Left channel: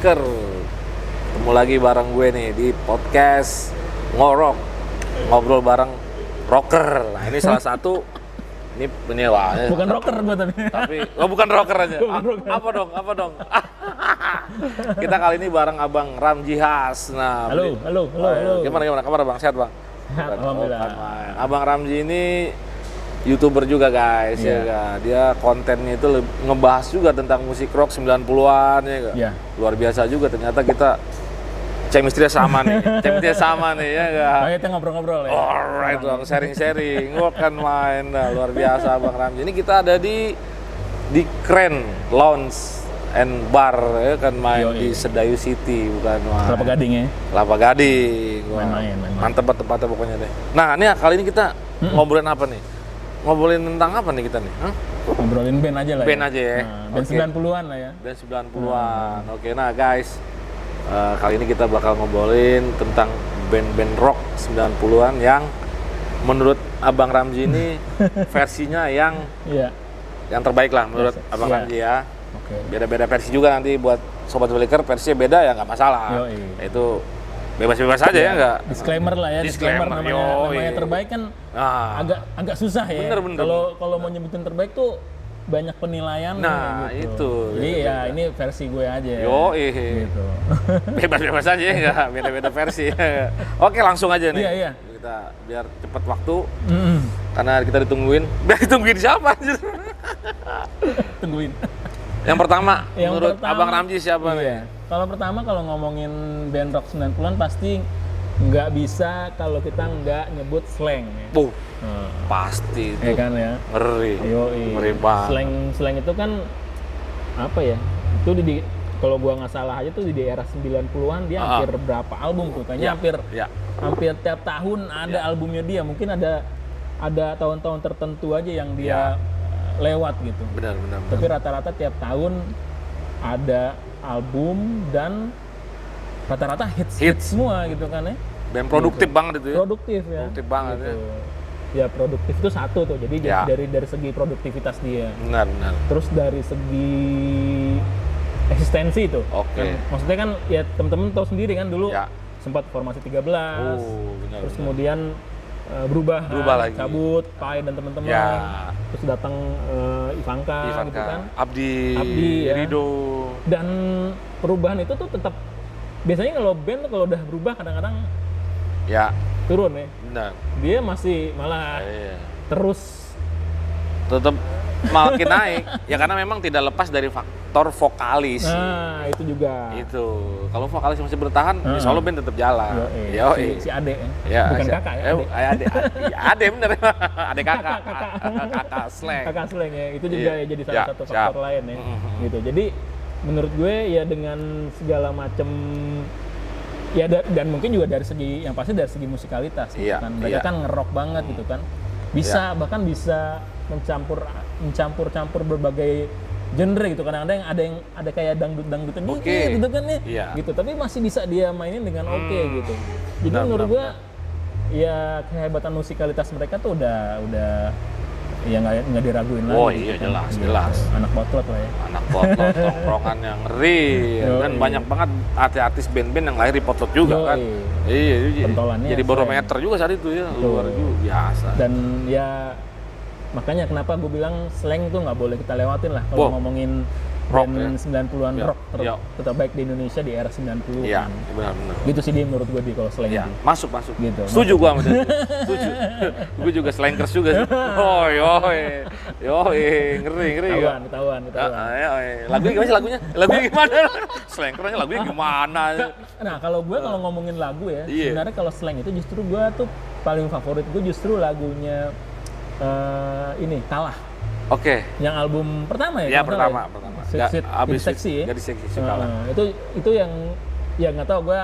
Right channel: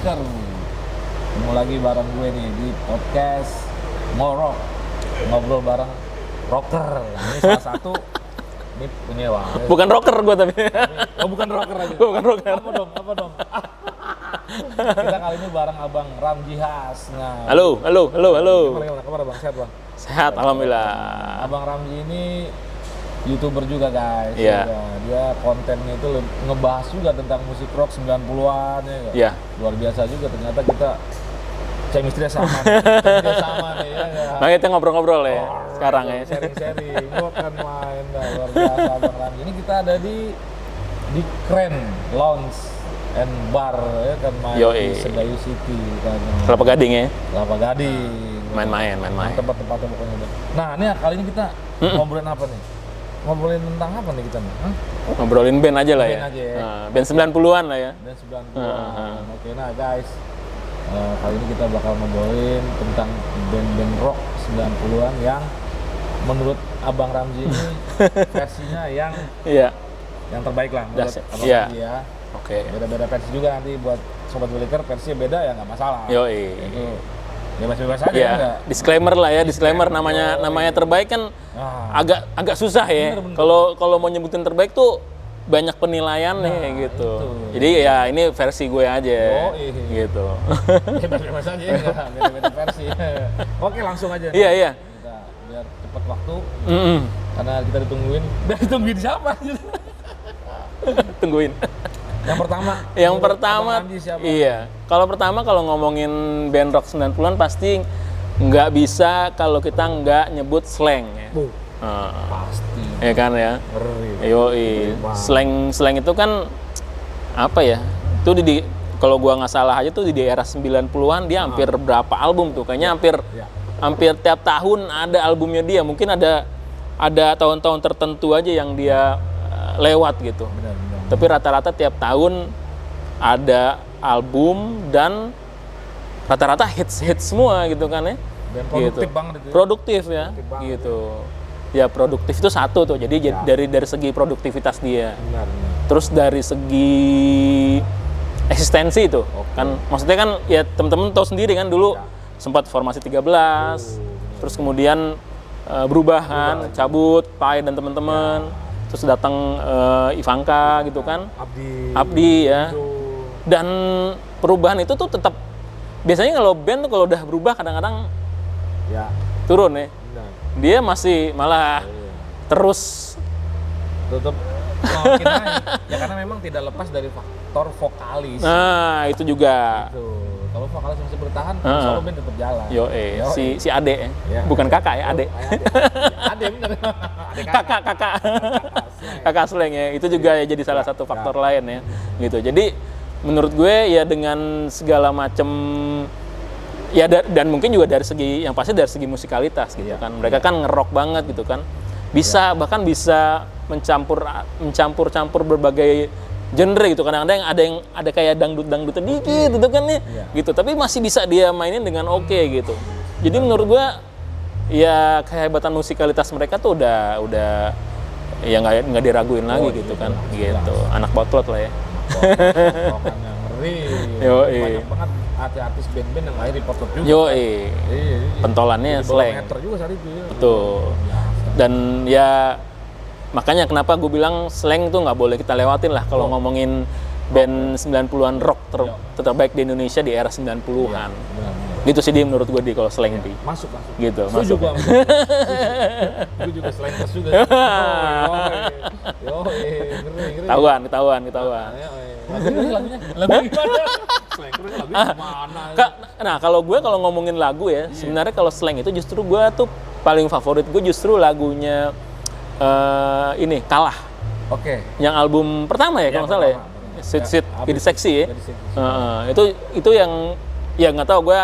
Beliker. Ketemu lagi bareng gue nih di podcast Ngorok, ngobrol bareng rocker. Nah, ini salah satu ini wah. Bukan rocker gue tapi. Bukan rocker aja. Bukan rocker. Apa dong? Kita kali ini bareng Abang Ramji Has. Nah, Halo. Gimana kabar Bang? Sehat Bang? Sehat, alhamdulillah. Abang Ramji ini YouTuber juga guys, Iya. ya. Dia kontennya itu ngebahas juga tentang musik rock 90-an ya kan? Iya. Luar biasa juga, ternyata kita chemistry-nya sama nih, ya kan? Nah, kita ngobrol-ngobrol ya Sekarang sekarang ya. sharing-sharing, gua kan main dah, luar biasa Bang Ramji. Ini kita ada di Kren Lounge and Bar ya kan, main di Sedayu City, bukan main. Kelapa Gading ya. Kelapa Gading. Main-main. Mantep tempatnya pokoknya deh. Nah, ini kali ini kita ngobrolin apa nih? Ngobrolin tentang apa nih kita nih? Ngobrolin band aja lah Band ya. aja ya. Band 90-an lah ya. Band 90-an. Oke, nah guys. Kali ini kita bakal ngobrolin tentang band-band rock 90-an yang menurut Abang Ramji ini versinya yang terbaik lah menurut Abang Ramji ya. Oke. Beda-beda versi juga nanti buat Sobat Beliker, versinya beda ya nggak masalah. Itu bebas-bebas aja ya enggak. Disclaimer lah ya, disclaimer namanya terbaik kan agak susah ya. Bener. Kalau mau nyebutin terbaik tuh banyak penilaian gitu. Itu. Jadi ya ini versi gue aja. Gitu. Bebas-bebas aja ya, enggak beda-beda versi. Oke, langsung aja nih. Iya. Kita biar cepet waktu. Karena kita ditungguin. Ditungguin siapa anjir? Tungguin. Yang pertama Abang Ramji siapa? Iya. Kalau ngomongin band rock 90-an pasti nggak bisa kalau kita nggak nyebut slang ya. Pasti. Ya kan ya. Ngeri banget. Slang itu kan apa ya? Itu kalau gua nggak salah aja tuh di era 90-an dia hampir berapa album tuh? Kayaknya hampir tiap tahun ada albumnya dia. Mungkin ada tahun-tahun tertentu aja yang dia lewat gitu. Benar. Tapi rata-rata tiap tahun ada album dan rata-rata hits semua gitu kan ya. Band produktif gitu. banget itu ya. Produktif ya. Produktif banget gitu. Ya produktif itu satu tuh. Jadi dari segi produktivitas dia. Benar. Terus dari segi eksistensi itu. Kan maksudnya kan ya teman-teman tahu sendiri kan dulu sempat formasi 13. Terus kemudian berubah lagi. Cabut Pai dan teman-teman. Terus datang Ivanka gitu kan. Abdi ya. Rido. Dan perubahan itu tuh tetap biasanya kalau band tuh kalau udah berubah kadang-kadang turun ya. Benar. Dia masih malah terus tetap makin naik. Ya karena memang tidak lepas dari faktor vokalis. Nah, itu juga. Itu. Kalau vokalis masih bertahan, insya Allah band tetap jalan. Si Ade ya. Bukan kakak ya, Ade. Ade bener. Ade kakak. Kakak slang ya. Itu juga ya jadi salah satu faktor lain ya. Gitu. Jadi menurut gue ya dengan segala macam ya dan mungkin juga dari segi yang pasti dari segi musikalitas gitu kan. Mereka kan nge-rock banget gitu kan. Bahkan bisa mencampur berbagai genre gitu. Kadang-kadang ada kayak dangdut dikit gitu kan nih. Gitu. Tapi masih bisa dia mainin dengan gitu. Jadi menurut gua ya kehebatan musikalitas mereka tuh udah ya nggak diraguin lagi gitu kan. Jelas. Gitu. Anak potlot lah ya. Anak potlot, rokan yang ngeri. Kan banyak banget artis band-band yang lahir di potlot juga kan. Iya. Pentolannya jadi barometer juga saat itu ya. Betul. Biasa. Dan ya makanya kenapa gue bilang slang tuh nggak boleh kita lewatin lah kalau ngomongin band 90-an rock terbaik di Indonesia di era 90-an. Iya, benar. Gitu sih dia menurut gue kalau slang di. Masuk. Gitu. Setuju gua sama dia. Gue juga slankers juga. Ngeri. Ketahuan. Lagunya gimana? Slankernya lagunya gimana? Nah, kalau ngomongin lagu ya, sebenarnya kalau slang itu justru gue tuh paling favorit gue justru lagunya ini Kalah. Yang album pertama ya kalau salah ya. Sit Jadi Seksi ya. Itu yang ya nggak tahu gue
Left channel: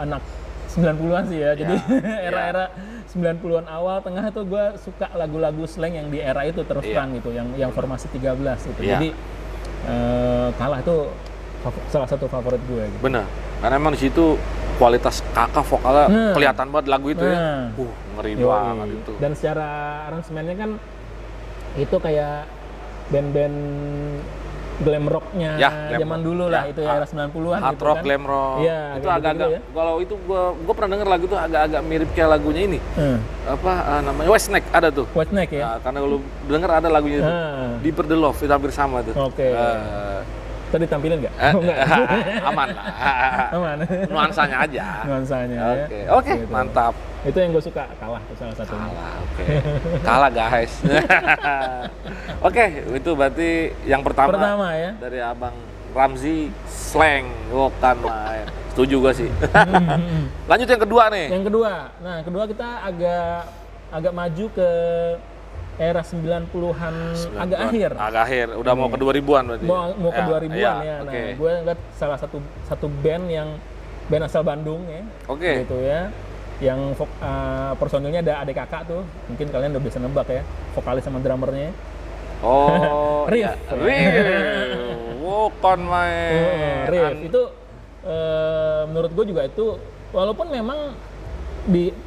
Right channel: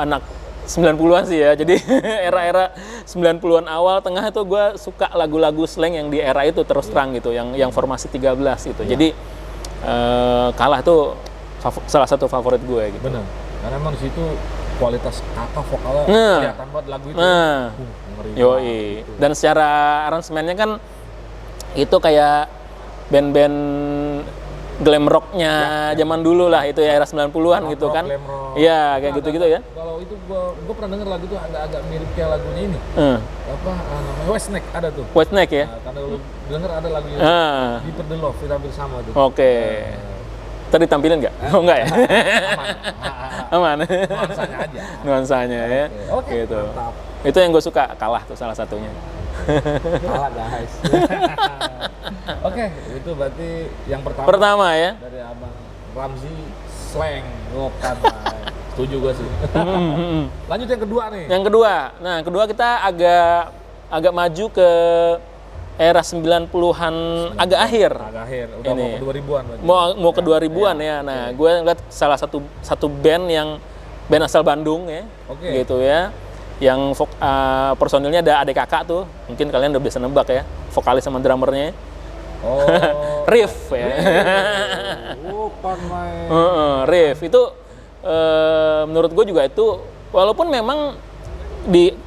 anak 90-an sih ya. Jadi era-era 90-an awal tengah itu gue suka lagu-lagu slang yang di era itu terus terang gitu, yang formasi 13 gitu. Jadi Kalah tuh salah satu favorit gue gitu. Benar. Karena emang di situ kualitas kakak vokalnya kelihatan banget lagu itu. Ngeri banget itu. Dan secara aransemennya kan itu kayak band-band glam rocknya zaman dulu lah itu ya era 90-an gitu rock, kan. glam rock. Iya, Itu kayak gitu-gitu agak-agak- ya. Kalau itu gua pernah denger lagu tuh agak-agak mirip kayak lagunya ini. Namanya Whitesnake ada tuh. Whitesnake ya. Karena kalau denger ada lagunya tuh. Deeper the Love itu hampir sama tuh. Oke. Tadi tampilin nggak? Oh enggak ya? Aman lah. Aman. Nuansanya aja. Nuansanya ya. Oke, Gitu. mantap. Itu yang gue suka, kalah tuh salah satunya. Kalah guys. Oke, itu berarti yang pertama. Pertama ya. Dari Abang Ramzi, slang. Bukan main. Setuju gue sih. Lanjut yang kedua nih. Yang kedua. Nah, kedua kita agak maju ke era 90-an agak akhir. Agak akhir, udah Ini. mau ke 2000-an berarti. Mau ke 2000-an ya. Nah, gue ngeliat salah satu band band asal Bandung ya. Oke. Gitu ya. Yang personilnya ada adik kakak tuh. Mungkin kalian udah bisa nebak ya. Vokalis sama drummernya. Oh. Riff ya. Bukan main. Riff itu menurut gue juga itu walaupun memang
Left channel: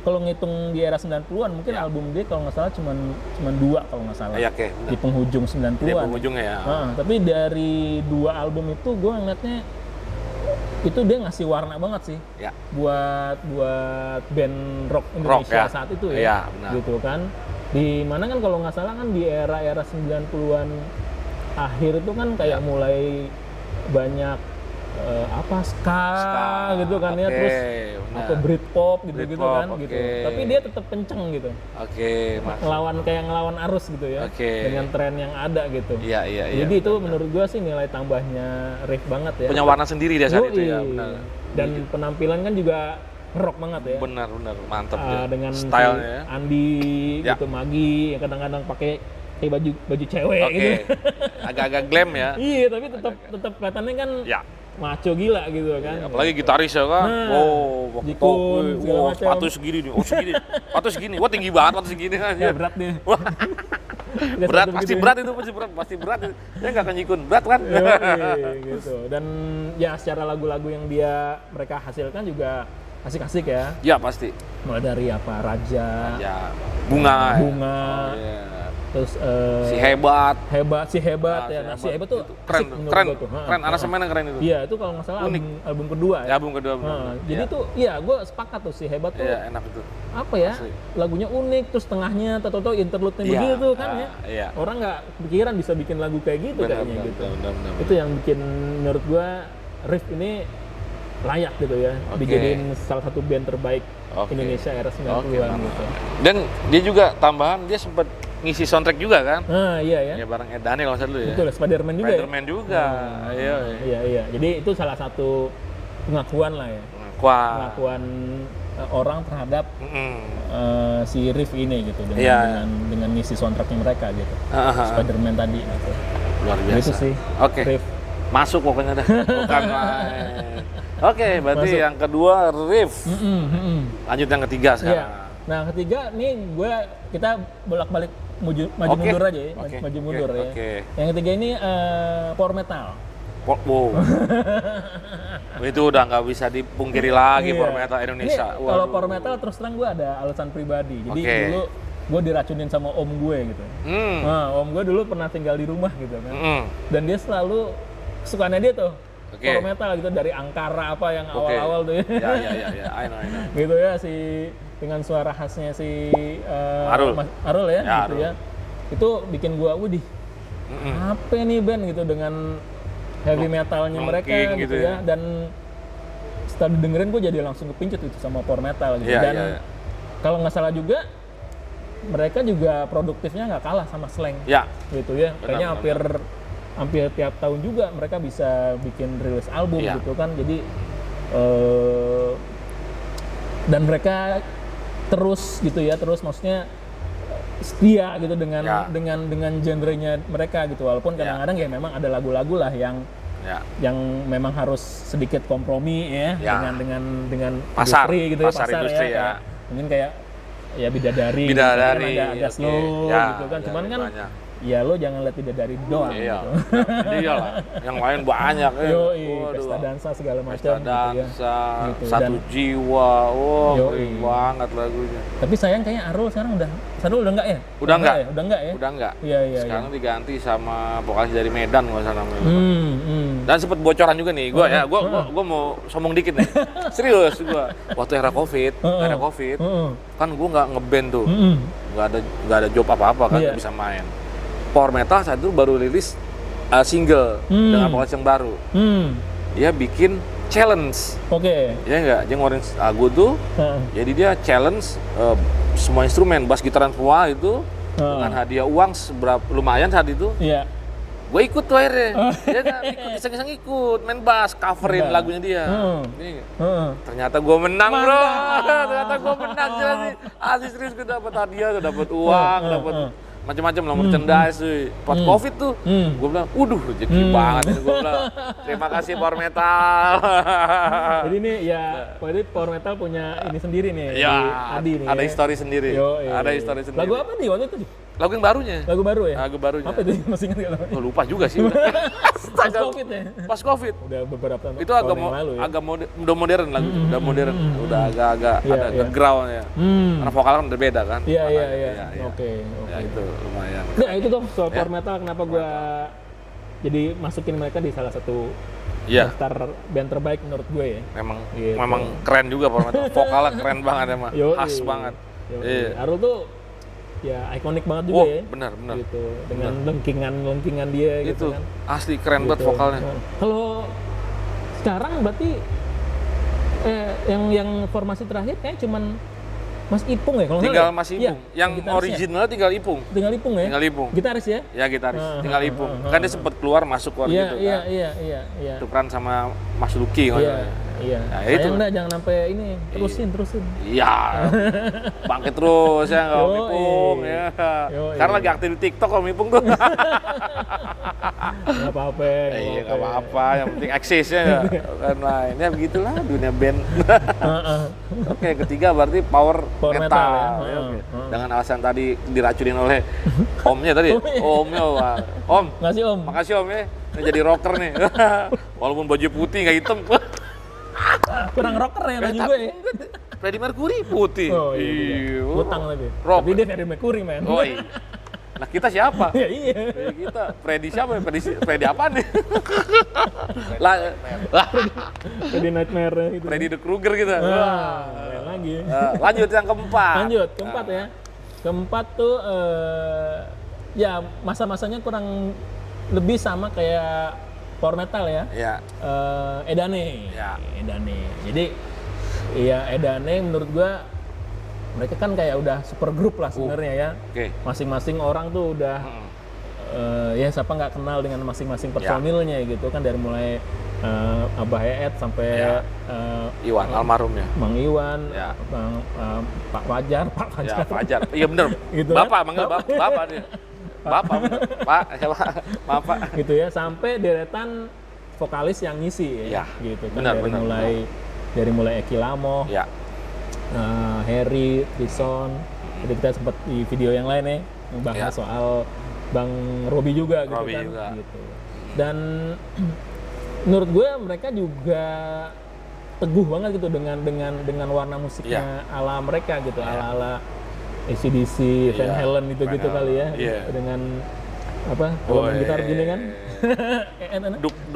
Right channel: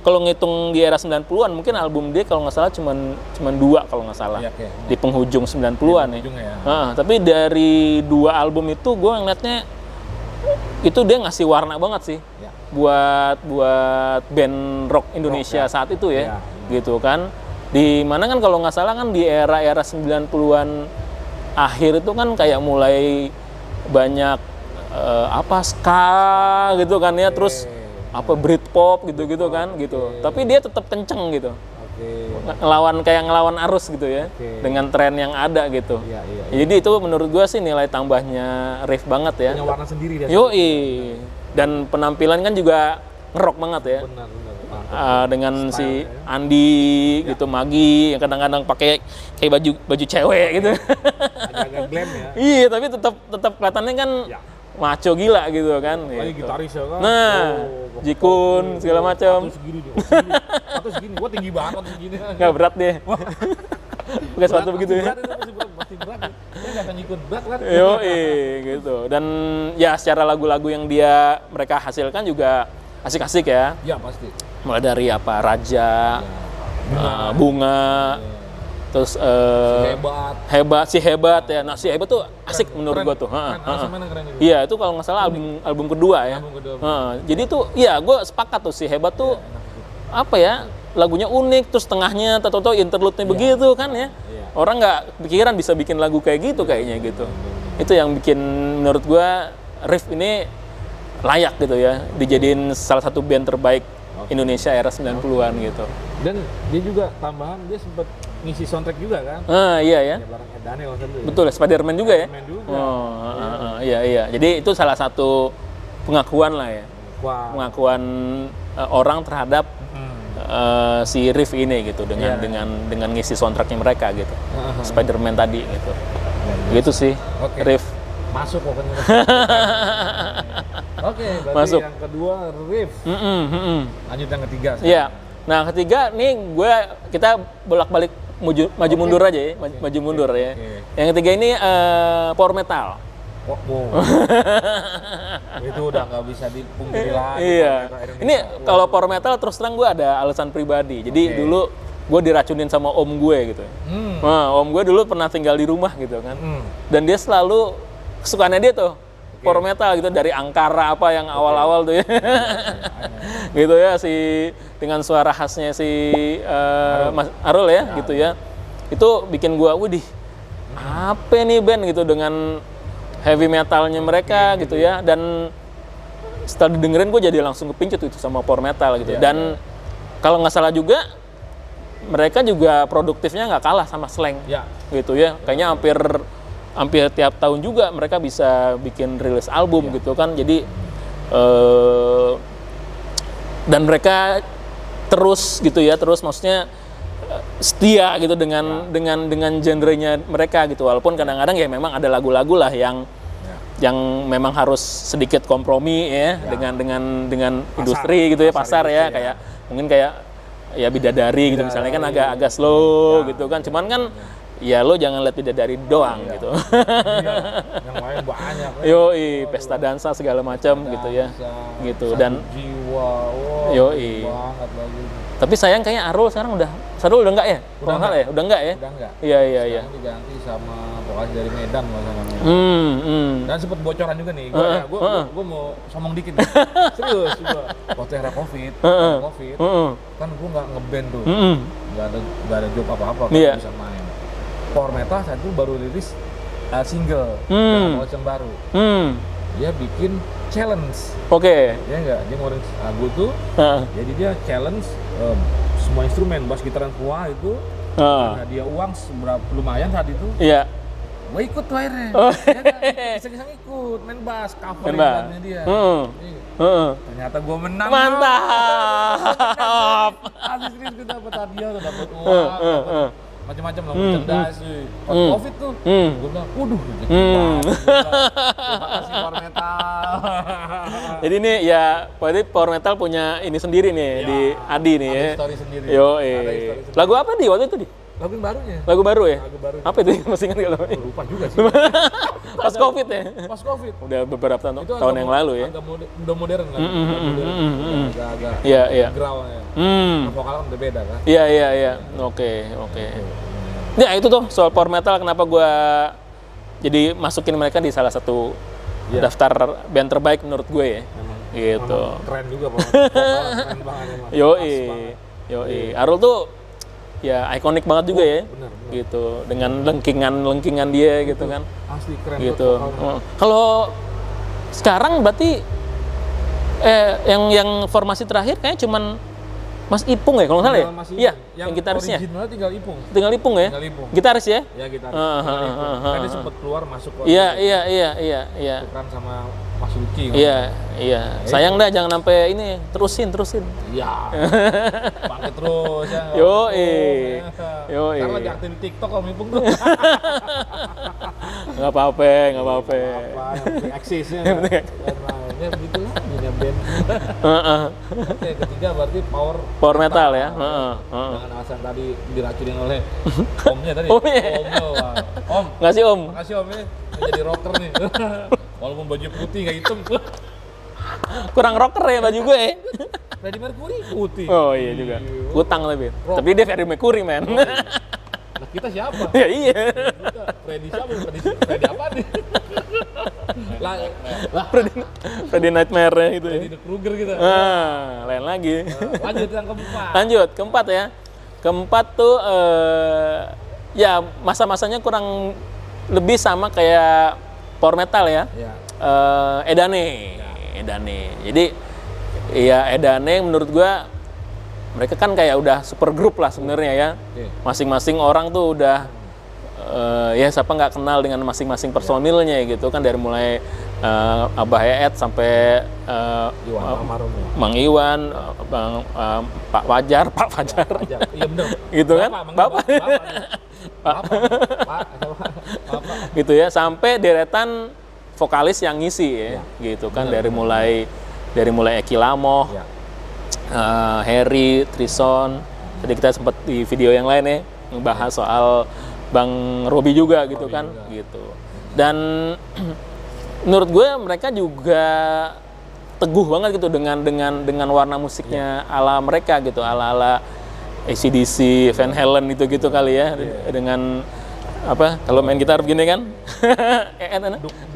kalau ngitung di era 90-an mungkin album dia kalau nggak salah cuman 2 kalau nggak salah. Iya, oke. Di penghujung 90-an Di penghujungnya ya. Tapi dari 2 album itu gue ngeliatnya itu dia ngasih warna banget sih. Ya. Buat band rock Indonesia Rock, ya. saat itu ya. Iya, benar. Gitu kan. Di mana kan kalau nggak salah kan di era 90-an akhir itu kan kayak mulai banyak ska gitu kan ya, terus Britpop gitu-gitu kan gitu. Tapi dia tetap kenceng gitu. Oke. Ngelawan arus gitu ya. Dengan tren yang ada gitu. Iya. Jadi itu menurut gua sih nilai tambahnya Riff banget ya. Punya warna sendiri dia saat itu ya. Dan penampilan kan juga ngerok banget ya. Benar, mantap. Dengan si Style-nya. Andi gitu, Magi yang kadang-kadang pakai kayak baju cewek gitu. Agak-agak glam ya. Iya, tapi tetap kelihatannya kan maco gila gitu kan. Apalagi gitaris ya kan. Nah, Jikun segala macam. Sepatu segini nih. Sepatu segini. Wah, tinggi banget sepatu segini. Nggak berat nih. Berat, pasti berat itu, pasti berat. Dia nggak akan Jikun, berat kan? Gitu. Dan ya secara lagu-lagu yang mereka hasilkan juga asik-asik ya. Ya, pasti. Mulai dari Raja, Bunga. Terus si hebat ya. Nah, si hebat tuh asik menurut gua tuh. Keren, aransemennya keren itu. Iya, itu kalau nggak salah album kedua ya. Album kedua. Jadi tuh ya gua sepakat tuh si hebat tuh. Iya, enak itu. Apa ya? Lagunya unik, terus tengahnya tato-tato interlude-nya begitu kan ya. Orang nggak pikiran bisa bikin lagu kayak gitu kayaknya gitu. Itu yang bikin menurut gua Riff ini layak gitu ya. Dijadiin salah satu band terbaik Indonesia era 90-an gitu. Dan dia juga tambahan dia sempat ngisi soundtrack juga kan? Iya ya. Ya bareng Ed Daniel masa dulu ya. Betul, Spider-Man juga ya. Spider-Man juga. Iya. Jadi itu salah satu pengakuan lah ya. Pengakuan orang terhadap si Riff ini gitu dengan ngisi soundtracknya mereka gitu. Spider-Man tadi gitu. Luar biasa. Gitu sih. Riff masuk pokoknya. Oke, berarti masuk. yang kedua Riff. Lanjut yang ketiga sekarang. Iya. Nah, ketiga nih kita bolak-balik maju mundur aja ya, maju mundur ya. Yang ketiga ini power metal. Wow. Itu udah nggak bisa dipungkiri lagi power metal Indonesia. Ini kalau power metal terus terang gue ada alasan pribadi. Jadi dulu gue diracunin sama om gue gitu. Nah, om gue dulu pernah tinggal di rumah gitu kan. Dan dia selalu kesukaannya dia tuh power metal gitu, dari Angkara apa yang awal-awal tuh ya. Gitu ya, dengan suara khasnya si Arul ya gitu ya. Itu bikin gua widih. Apa nih band gitu dengan heavy metalnya mereka gitu ya, dan setelah didengerin gue jadi langsung kepincut itu sama power metal gitu. Dan kalau nggak salah juga mereka juga produktifnya nggak kalah sama Slang gitu ya. Kayaknya hampir tiap tahun juga mereka bisa bikin rilis album gitu kan. Jadi dan mereka terus gitu ya, terus maksudnya setia gitu dengan genrenya mereka gitu. Walaupun kadang-kadang ya memang ada lagu-lagu lah yang memang harus sedikit kompromi ya dengan industri gitu ya, pasar ya, kayak mungkin kayak ya Bidadari gitu misalnya kan agak slow gitu kan. Cuman kan ya lo jangan lihat bidadari doang Iya. gitu. Iya lah, yang lain banyak. Yoi, Waduh. pesta dansa segala macam gitu ya. Dansa, Gitu. Satu Dan Jiwa, wah Yoi. banget lagunya. tapi sayang kayaknya Arul sekarang udah enggak ya? Udah enggak. Ya? Udah enggak ya? Udah enggak. Iya, iya, iya. Sekarang diganti sama vokalis dari Medan nggak salah namanya. Hmm. Dan sempet bocoran juga nih, gue mau sombong dikit nih. Serius gue. Waktu era Covid, kan gue nggak ngeband tuh, nggak ada job apa-apa kan, Iya. bisa main. Power Metal saat itu baru rilis single dengan vokalis yang baru. Dia bikin challenge, Oke. ya nggak? Dia ngeluarin lagu tuh, jadi dia challenge semua instrumen, bass, gitaran, semua itu, dengan hadiah uang seberapa lumayan saat itu. Iya. Gue ikut tuh akhirnya, dia iseng-iseng ikut, main bass, coverin Main bass. lagunya dia. Ini, Heeh. ternyata gue menang. Mantap. Bro. Ternyata gue menang. Asli serius gue dapet hadiah, gue dapet uang, dapet macam-macam lah, merchandise. Pas Covid tuh, gue bilang, waduh rezeki banget. Gue bilang, terima kasih Power Metal. Jadi nih ya, berarti Power Metal punya ini sendiri nih Ya, di Adi nih. ada ya. history sendiri. Yo, Ada history sendiri. Lagu apa di waktu itu di? Lagu yang barunya. Lagu baru ya? Lagu barunya. Apa itu? Masih ingat nggak? Gue lupa juga sih. Pas Covid ya? Pas Covid. Udah beberapa tahun Itu agak yang lalu ya? agak udah modern lagi, udah modern, udah agak-agak Iya, iya. groundnya. Karena vokalnya kan udah beda kan. Iya. Iya. Oke. Itu lumayan. Ya itu tuh soal Power Metal kenapa gua jadi masukin mereka di salah satu Iya. daftar band terbaik menurut gue ya. Memang Gitu. memang keren juga vokalnya keren banget emang. Khas banget. Iya. Arul tuh ya ikonik banget juga ya. Benar. Gitu. Dengan lengkingan dia gitu kan. Asli keren banget Gitu. vokalnya. Kalau sekarang berarti yang formasi terakhir kayaknya cuman Mas Ipung ya kalau nggak salah Tinggal ya? masih Iya, Ipung. Yang gitarisnya. originalnya tinggal Ipung. Tinggal Ipung ya? Tinggal Ipung. Gitaris ya? Ya gitaris, tinggal Ipung. Kan dia sempat keluar masuk kok. Iya. Tukeran sama Mas Luki. Iya. Nah, Sayang itu. dah jangan sampai ini terusin. Iya. Bangkit terus ya nggak Yoi. Ipung. Ya. Yoi. Karena lagi aktif di TikTok kalau Ipung tuh. Nggak apa-apa. Nggak apa-apa, yang penting eksisnya. Dan lainnya begitulah dunia band. Oke, ketiga berarti power Metal ya. Dengan alasan tadi diracunin oleh omnya tadi. Omnya. Omnya, wah. Om, Nggak sih Om? makasih Om ya. Ini jadi rocker nih. Walaupun baju putih nggak hitam. Kurang rocker ya baju gue ya. Freddie Mercury putih. Oh iya juga. Utang tapi. Rocker. Tapi dia Freddie Mercury man. Oh, iya. Nah kita siapa? Ya iya. Ya, kita Freddy siapa? Freddy apa nih? lah, Freddie Nightmare itu. Freddy the Krueger kita. Lain lagi. Lanjut yang keempat. Lanjut, keempat ya. Keempat tuh ya masa-masanya kurang lebih sama kayak Power Metal ya. Ya. Edane. Ya. Edane. Jadi ya Edane menurut gua mereka kan kayak udah super grup lah sebenarnya ya. Oke. Masing-masing orang tuh udah ya siapa nggak kenal dengan masing-masing personilnya gitu kan, dari mulai Abah Eet sampai Iwan almarhum ya. Mang Iwan, Ya. Pak Fajar. Ya, Fajar. Iya bener. Gitu kan? Bapak, manggil Bapak dia. Bapak. Pak, siapa? Bapak. Gitu ya, sampai deretan vokalis yang ngisi ya, Ya. gitu kan, Benar, dari benar. mulai Eki Lamoh, Ya. Harry, Trison. Tadi kita sempat di video yang lain ya ngebahas soal Bang Robi juga gitu Robi kan, juga. gitu. Dan menurut gue mereka juga teguh banget gitu dengan warna musiknya ala mereka gitu, ala AC/DC, Van Halen gitu kali ya, dengan apa kalau main gitar begini kan,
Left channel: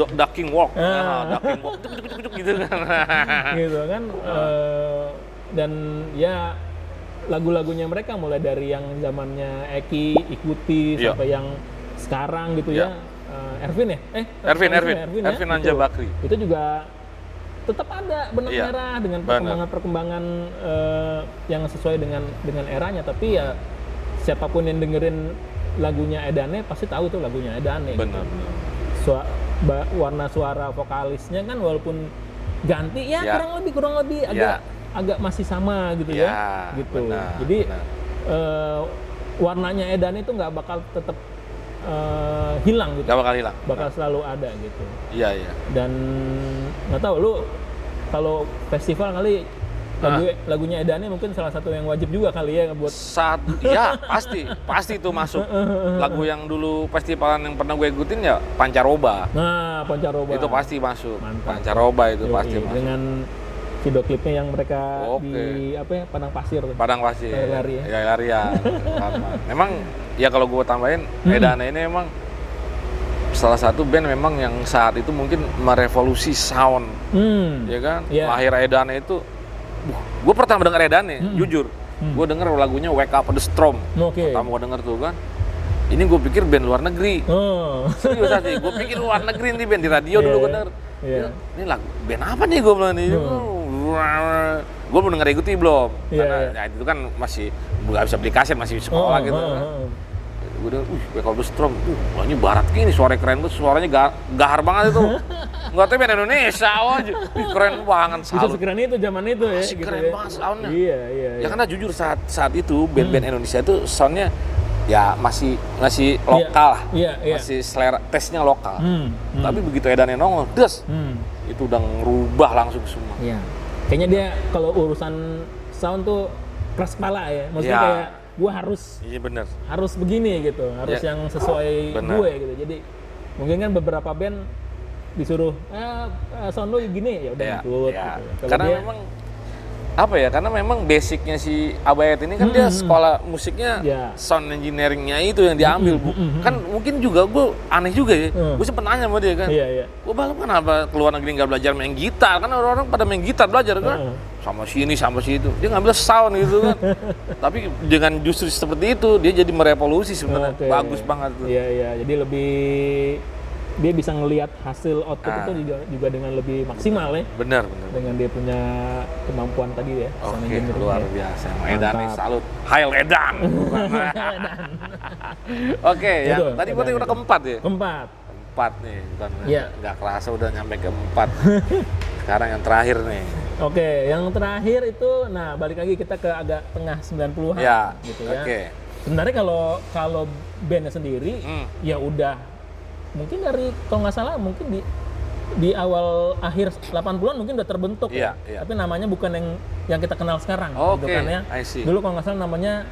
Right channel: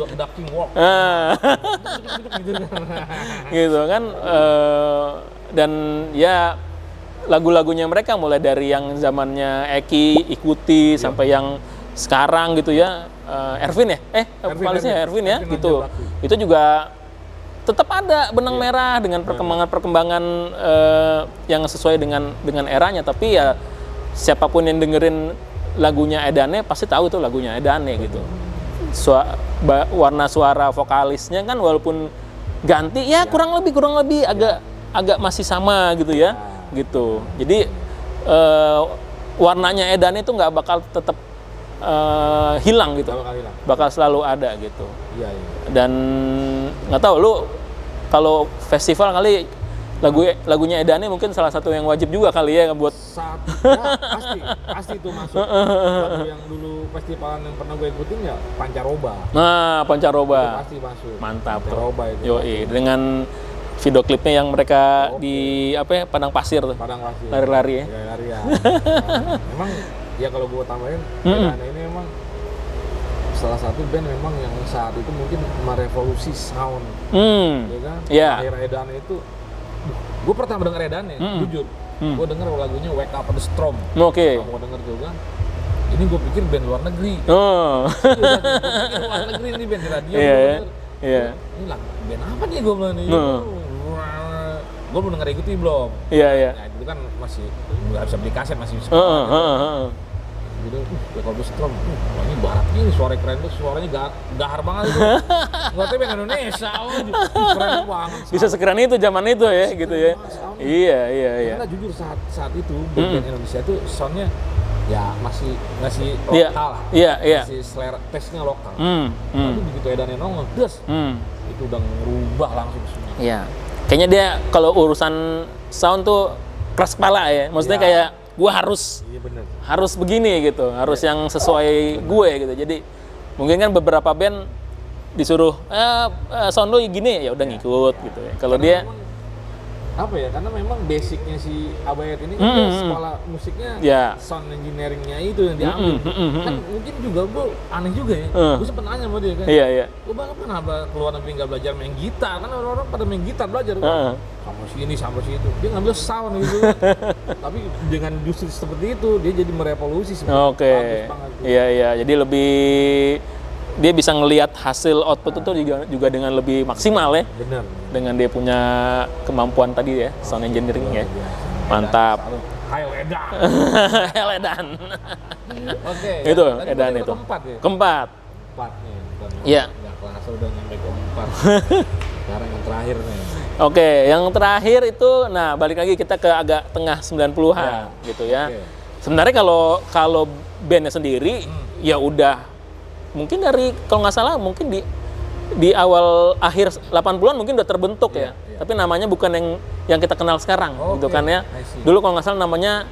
Ducking walk. Gitu kan. gitu kan, dan ya lagu-lagunya mereka mulai dari yang zamannya Eki ikuti sampai yang sekarang gitu ya, Ervin ya, Ervin ya, Anja gitu. Bakri. Itu juga tetap ada benang merah dengan perkembangan yang sesuai dengan eranya, tapi ya siapapun yang dengerin lagunya Edane pasti tahu itu lagunya Edane gitu. Warna suara vokalisnya kan walaupun ganti ya kurang lebih agak masih sama gitu ya, gitu. Benar, jadi warnanya Edane itu nggak bakal tetap hilang gitu, Gak bakal hilang. bakal selalu ada gitu. Iya. Dan nggak tahu lu kalau festival kali lagunya Edane mungkin salah satu yang wajib juga kali ya buat ya pasti itu masuk. Lagu yang dulu festivalan yang pernah gue ikutin ya Pancaroba. Nah, Pancaroba. Itu pasti masuk. Mantap. Pancaroba itu Yoi, pasti. dengan video klipnya yang mereka di apa ya, padang pasir tuh. Padang pasir. Lari-lari ya. Lari ya. Memang ya kalau gue tambahin Edane ini emang salah satu band memang yang saat itu mungkin merevolusi sound, ya kan? Yeah. Akhir Edane itu, gue pertama denger Edane, jujur, gue denger lagunya Wake Up the Storm. Oke. Kamu denger tuh kan? Ini gue pikir band luar negeri. Serius aja, gue pikir luar negeri nih band di radio dulu bener. Iya. Ini lagu band apa nih gue bilang nih? Gue belum denger ikuti belum. Iya. Nah, itu kan masih nggak bisa beli kaset, masih sekolah gitu. Gue udah, Wake Up the Storm, wahnya barat gini, suara keren tuh, suaranya gahar banget itu. Nggak tahu band Indonesia aja, keren banget. Bisa sekeren itu zaman itu ya, gitu ya. Iya. Ya karena jujur saat itu band-band Indonesia itu soundnya ya masih lokal lah. Iya. Masih selera tesnya lokal. Tapi begitu Edane nongol, itu udah ngerubah langsung semua. Iya. Kayaknya dia kalau urusan sound tuh keras kepala ya. Maksudnya kayak gue harus begini gitu, harus yang sesuai gue gitu. Jadi mungkin kan beberapa band disuruh sound lo gini ya udah ngikut gitu. Kalau dia memang apa ya, karena memang basicnya si Abayat ini kan dia sekolah musiknya sound engineeringnya itu yang diambil. Kan mungkin juga gue aneh juga ya, gue sempet nanya sama dia kan, gue bang kenapa keluar negeri nggak belajar main gitar, kan orang-orang pada main gitar belajar kan, sama si ini sama si itu, dia ngambil sound gitu kan. Tapi dengan justru seperti itu dia jadi merevolusi sebenarnya. Bagus banget tuh. Iya, jadi lebih dia bisa ngelihat hasil output itu juga dengan lebih maksimal ya. Benar. Dengan dia punya kemampuan tadi ya, sound engineering ya. Biasa. Mantap. Hail Edan. Hail Edan. Oke, itu. Ya. Tadi udah keempat ya? Keempat Nih, bukan nggak kerasa udah nyampe keempat. Sekarang yang terakhir nih. Oke, yang terakhir itu, nah balik lagi kita ke agak tengah 90-an gitu ya. Sebenarnya kalau bandnya sendiri ya udah mungkin dari kalau nggak salah mungkin di awal akhir 80-an mungkin udah terbentuk ya. Tapi namanya bukan yang kita kenal sekarang gitu kan ya. Dulu kalau nggak salah namanya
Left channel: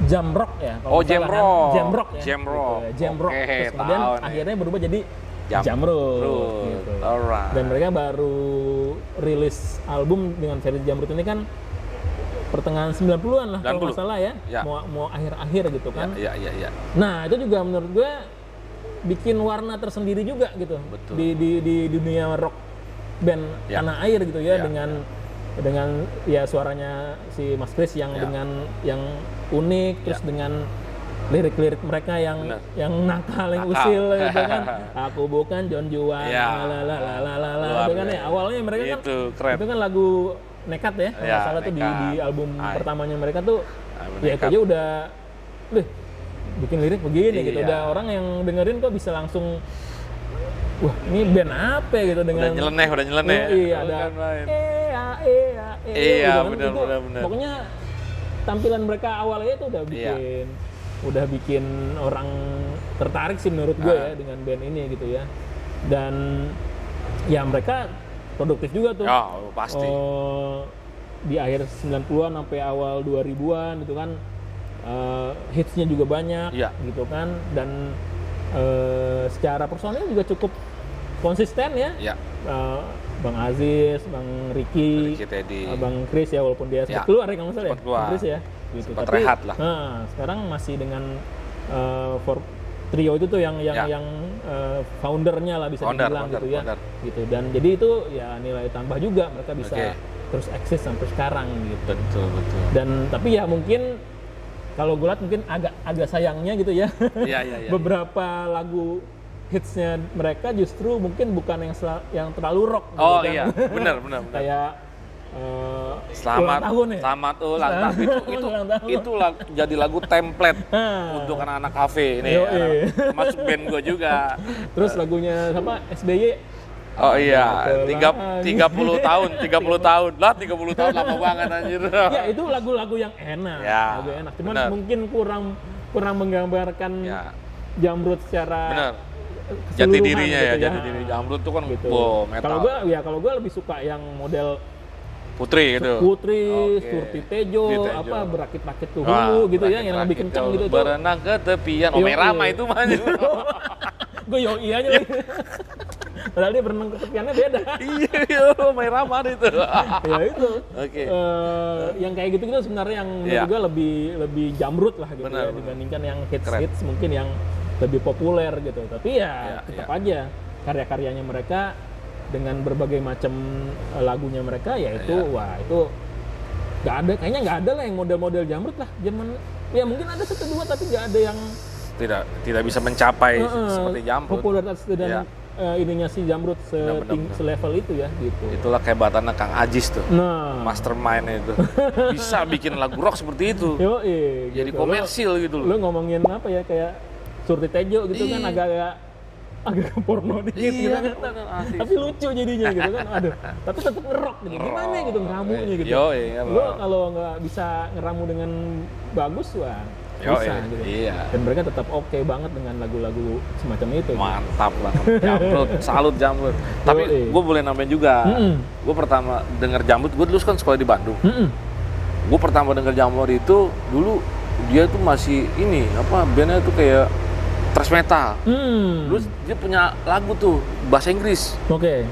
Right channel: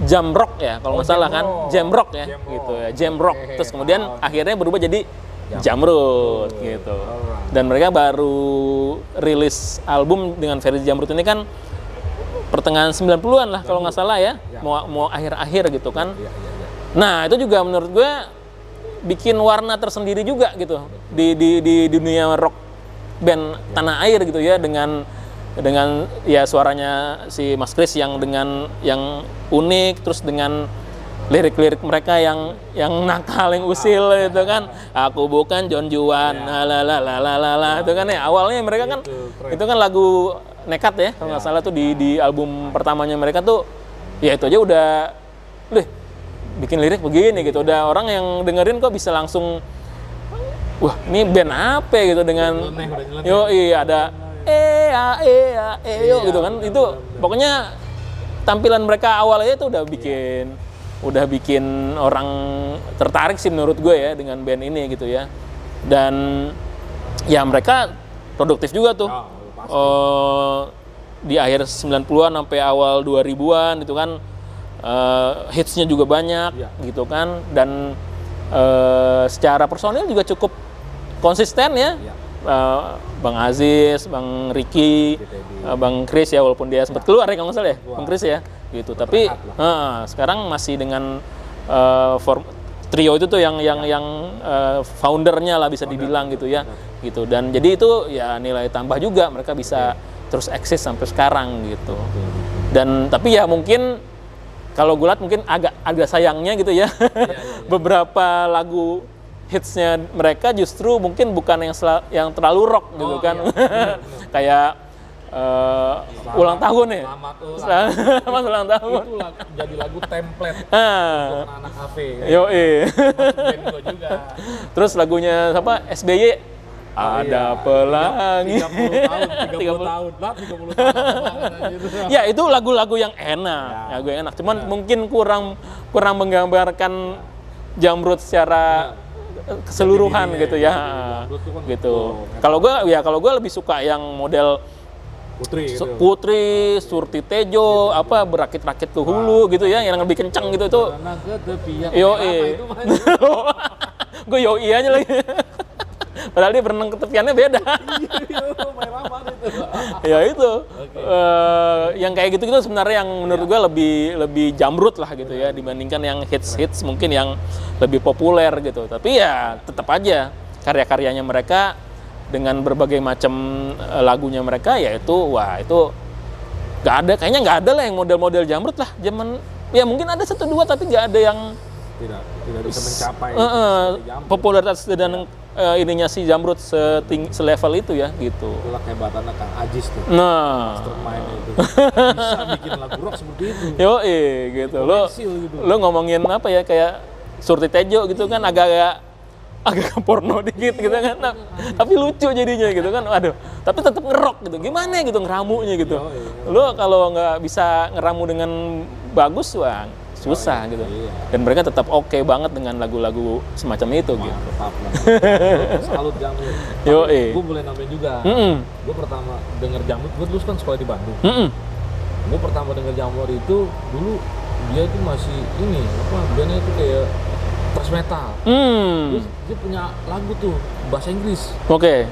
Jamrock ya, kalau nggak salah kan Jamrock ya. Gitu ya. Jamrock. Terus kemudian akhirnya berubah jadi Jamrud gitu. Dan mereka baru rilis album dengan versi Jamrud ini kan pertengahan 90-an lah kalau nggak salah ya. Mau akhir-akhir gitu kan. Nah, itu juga menurut gue bikin warna tersendiri juga gitu. Di dunia rock band tanah air gitu ya, dengan ya suaranya si Mas Kris yang dengan yang unik, terus dengan lirik-lirik mereka yang nakal, yang usil gitu kan. Aku bukan John Juan, la itu kan ya. Awalnya mereka kan itu kan lagu nekat ya, kalau nggak salah tuh di album pertamanya mereka tuh ya itu aja udah bikin lirik begini gitu. Udah orang yang dengerin kok bisa langsung wah, ini band apa gitu dengan udah nyeleneh. Ada gitu kan. Itu pokoknya tampilan mereka awalnya itu udah bikin orang tertarik sih menurut gue ya dengan band ini gitu ya. Dan ya mereka produktif juga tuh. Pasti. Di akhir 90-an sampai awal 2000-an itu kan hitsnya juga banyak gitu kan, dan secara personil juga cukup konsisten ya. Bang Aziz, Bang Ricky, Bang Kris ya, walaupun dia sempat keluar ya kalau nggak salah ya, Bang Kris ya gitu. Tapi sekarang masih dengan trio itu tuh yang foundernya lah bisa dibilang gitu ya. Gitu. Dan jadi itu ya nilai tambah juga, mereka bisa terus eksis sampai sekarang gitu. Betul. Dan tapi ya mungkin kalau gue lihat mungkin agak sayangnya gitu ya. Beberapa lagu hitsnya mereka justru mungkin bukan yang terlalu rock gitu kan. Benar. Kayak ulang tahun ya. Selamat ulang tahun. Itu jadi lagu template untuk anak-anak kafe. Masuk band gue juga. Terus lagunya apa? SBY. 30 tahun lah, 30 tahun lama banget anjir. Ya itu lagu-lagu yang enak, cuman mungkin kurang menggambarkan Jamrud secara keseluruhan gitu ya. Jamrud tuh kan gitu. Kalau gue lebih suka yang model Putri gitu. Putri, Surti Tejo, apa berakit-rakit ke hulu gitu ya, yang lebih kencang gitu tuh. Berenang ke tepian. Yoi. Merama itu mah. Gue yoi aja lagi. Padahal dia berenang ke tepiannya beda. Iya, Merama itu. Ya itu. Oke. Yang kayak gitu sebenarnya yang menurut gue lebih jamrut lah gitu ya dibandingkan yang hits mungkin yang lebih populer gitu. Tapi ya tetap aja karya-karyanya mereka dengan berbagai macam lagunya mereka yaitu wah itu kayaknya nggak ada lah yang model-model jamrut lah zaman ya mungkin ada 1-2 tapi nggak ada yang tidak bisa mencapai seperti Jamrut. Popularitas dan ininya si Jamrut selevel itu ya gitu. Itulah kehebatannya Kang Ajis tuh. Nah, Mastermind itu. Bisa bikin lagu rock seperti itu. Yoi Jadi gitu. komersil gitu Lo ngomongin apa ya kayak Surti Tejo gitu kan agak porno dikit gitu kan. Tapi lucu jadinya gitu kan. Waduh, tapi tetap ngerok gitu. Gimana gitu ngeramunya gitu. Lo kalau nggak bisa ngeramu dengan bagus wah susah gitu. Iya. Dan mereka tetap oke banget dengan lagu-lagu semacam itu. Mantap banget. Jamrut, salut Jamrut. Tapi gue boleh nambahin juga. Gue pertama denger Jamrut, gue dulu kan sekolah di Bandung. Gue pertama denger Jamrut itu dulu dia tuh masih ini bandnya tuh kayak thrash metal. Terus dia punya lagu tuh bahasa Inggris. Oke.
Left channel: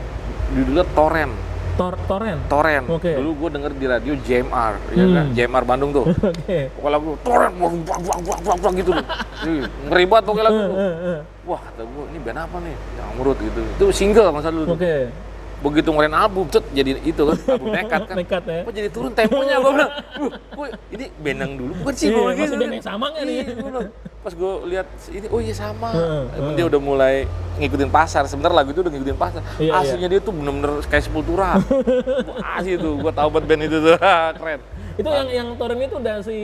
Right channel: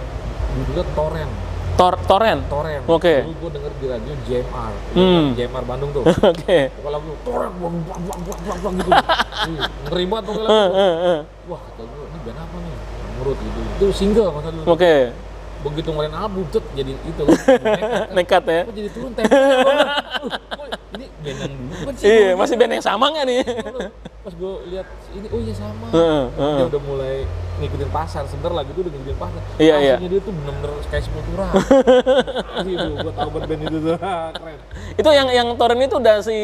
Judulnya Torrent. Torrent. Oke. Dulu gue denger di radio JMR, ya kan? JMR Bandung tuh. Oke. Pokoknya lagu Torrent, wang gitu. Ngeri banget pokoknya lagu. Wah, kata gue ini band apa nih? Jamrut gitu. Itu single masa dulu. Oke. Begitu ngeluarin album, jadi itu kan, album nekat kan. Nekat ya. Kok jadi turun temponya, gue bilang, ini band yang dulu bukan sih? Iya, masih band yang sama nggak nih? Pas gue lihat ini, oh iya sama. Dia udah mulai ngikutin pasar, sebentar lagu itu udah ngikutin pasar. Aslinya dia tuh bener-bener kayak Sepultura. Asli tuh, gue tau banget band itu tuh, keren. Itu yang Torrent itu udah si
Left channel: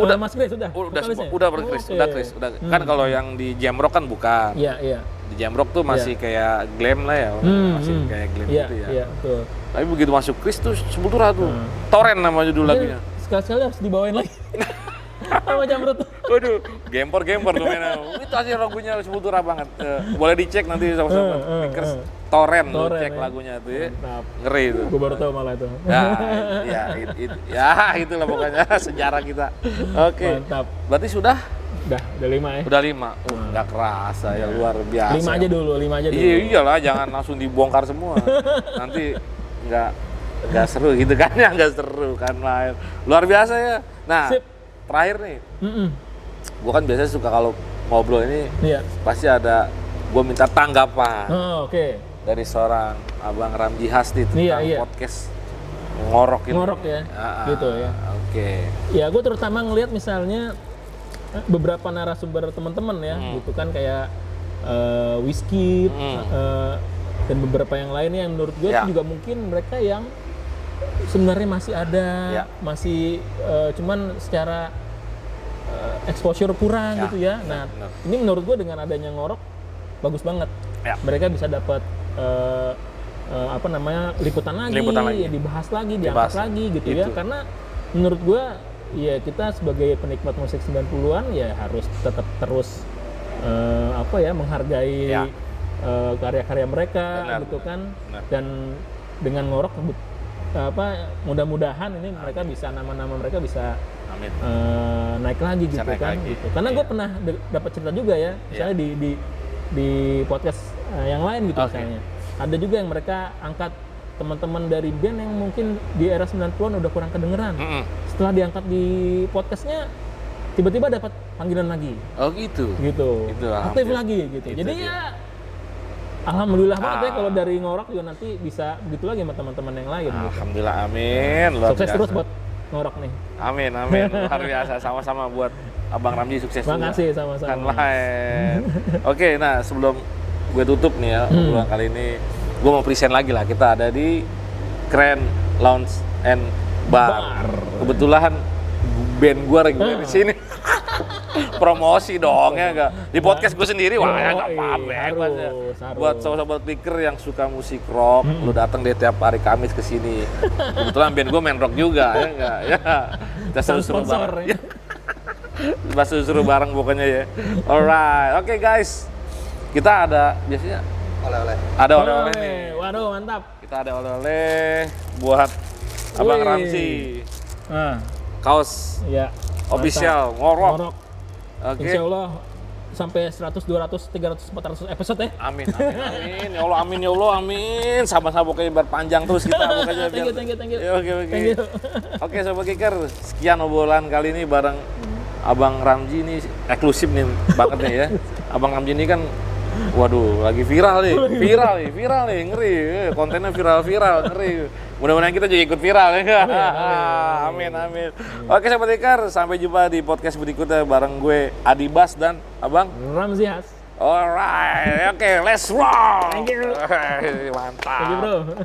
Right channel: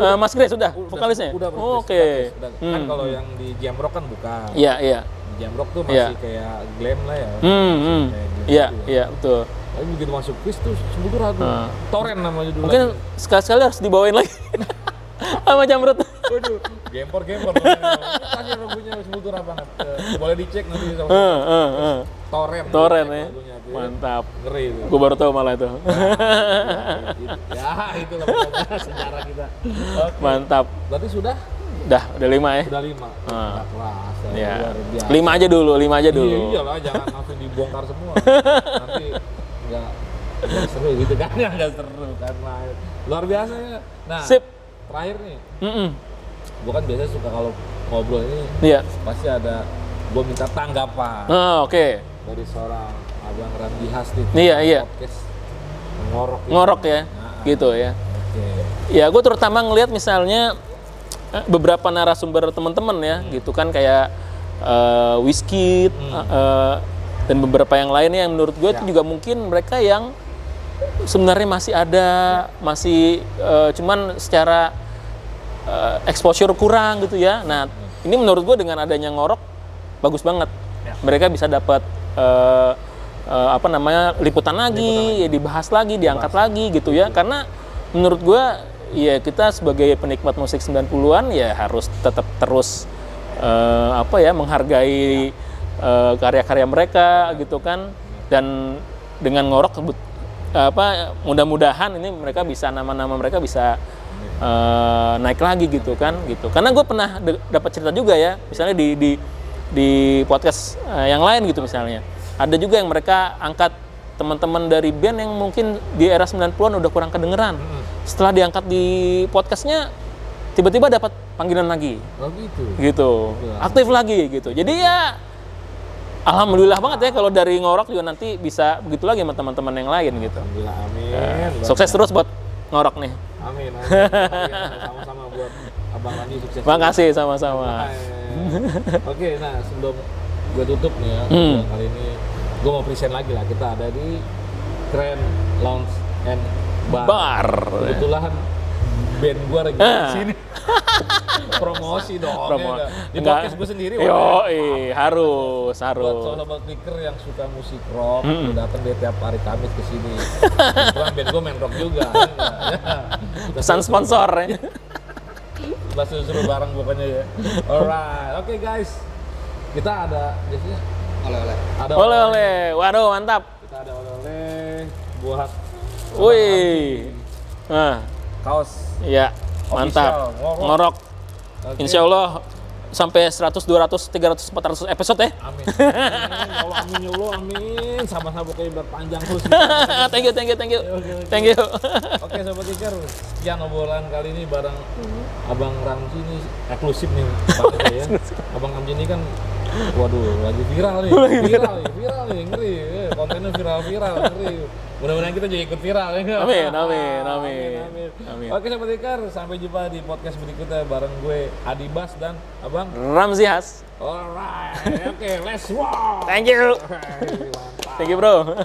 Mas Grace udah vokalisnya? Udah Mas Grace, udah. Kan kalau yang di Jamrock kan bukan. Iya. Di Jamrock tuh masih kayak glam lah ya. Masih kayak glam gitu ya. Iya, betul. Tapi begitu masuk Chris tuh Sepultura tuh. Torrent nama judul lagunya. Sekali-sekali harus dibawain lagi. Sama Jamrut. Waduh, gempor tuh mainnya. Ini tadi lagunya Sepultura banget. Boleh dicek nanti sama-sama. Torrent cek lagunya tuh ya. Mantap. Ngeri itu. Gue baru tahu malah itu. Itulah pokoknya sejarah kita. Oke. Mantap. Berarti sudah 5 ya? Udah 5. Nggak kerasa ya, luar biasa. 5 aja dulu. Iyalah, jangan langsung dibongkar semua. Nanti nggak seru gitu kan ya, nggak seru kan lah. Luar biasa ya. Nah, sip. Terakhir nih. Gua kan biasanya suka kalau ngobrol ini pasti ada gua minta tanggapan. Oke. Dari seorang Abang Ramji Hasdi podcast ngorok gitu. Ngorok ya. Gitu ya. Oke. Ya, gue terutama ngelihat misalnya beberapa narasumber teman-teman ya, gitu kan kayak Wizkid dan beberapa yang lainnya yang menurut gue itu juga mungkin mereka yang sebenarnya masih ada, masih cuman secara exposure kurang gitu ya. Nah, ini menurut gue dengan adanya ngorok bagus banget. Mereka bisa dapat liputan lagi, ya dibahas lagi, diangkat lagi gitu ya. Karena menurut gue ya kita sebagai penikmat musik 90-an ya harus tetap terus menghargai karya-karya mereka gitu kan. Dan dengan ngorok mudah-mudahan ini mereka bisa nama-nama mereka bisa naik lagi gitu kan gitu. Karena gue pernah dapat cerita juga ya, misalnya di podcast yang lain gitu misalnya. Ada juga yang mereka angkat teman-teman dari band yang mungkin di era 90-an udah kurang kedengeran. Setelah diangkat di podcastnya, tiba-tiba dapat panggilan lagi. Oh gitu? Gitu. Aktif lagi gitu. Jadi ya, alhamdulillah banget ya kalau dari ngorok juga nanti bisa begitu lagi sama teman-teman yang lain gitu. Alhamdulillah, amin. Sukses terus buat ngorok nih. Amin. Luar biasa, sama-sama buat Abang Ramji sukses. Makasih sama-sama. Oke, nah sebelum gue tutup nih ya, kali ini gue mau present lagi lah, kita ada di Grand Lounge and Bar. Kebetulan band gue lagi di sini. Promosi dong ya enggak? Di podcast gue sendiri harus. Buat sobat-sobat picker yang suka musik rock, lu datang deh tiap hari Kamis ke sini. Kebetulan band gue main rock juga ya enggak? Ya. Pesan sponsor ya. Masih suruh bareng pokoknya ya. Alright, oke guys. Kita ada biasanya oleh-oleh. Ada oleh-oleh. Waduh, mantap. Kita ada oleh-oleh buat Abang Wih. Ramzi. Nah, Kaos ya, official, mantap. ngorok. Ngorok. Oke. Insya Allah sampai 100, 200, 300, 400 episode ya. Amin. Amin. Ya Allah, amin ya Allah, amin. Sama-sama pokoknya biar panjang terus kita. Pokoknya. Thank you. Ya, oke. Thank you. Oke Sobat Kicker, sekian obrolan kali ini bareng Abang Ramzi ini eksklusif nih banget nih ya. Abang Ramzi ini kan waduh lagi viral nih, ngeri. Kontennya viral, ngeri. Mudah-mudahan kita juga ikut viral ya. Amin. Oke Sobat Kicker, sampai jumpa di podcast berikutnya bareng gue Adi Bas dan Abang Ramzi Has. Alright, oke, let's roll. Thank you. Mantap. Thank you bro.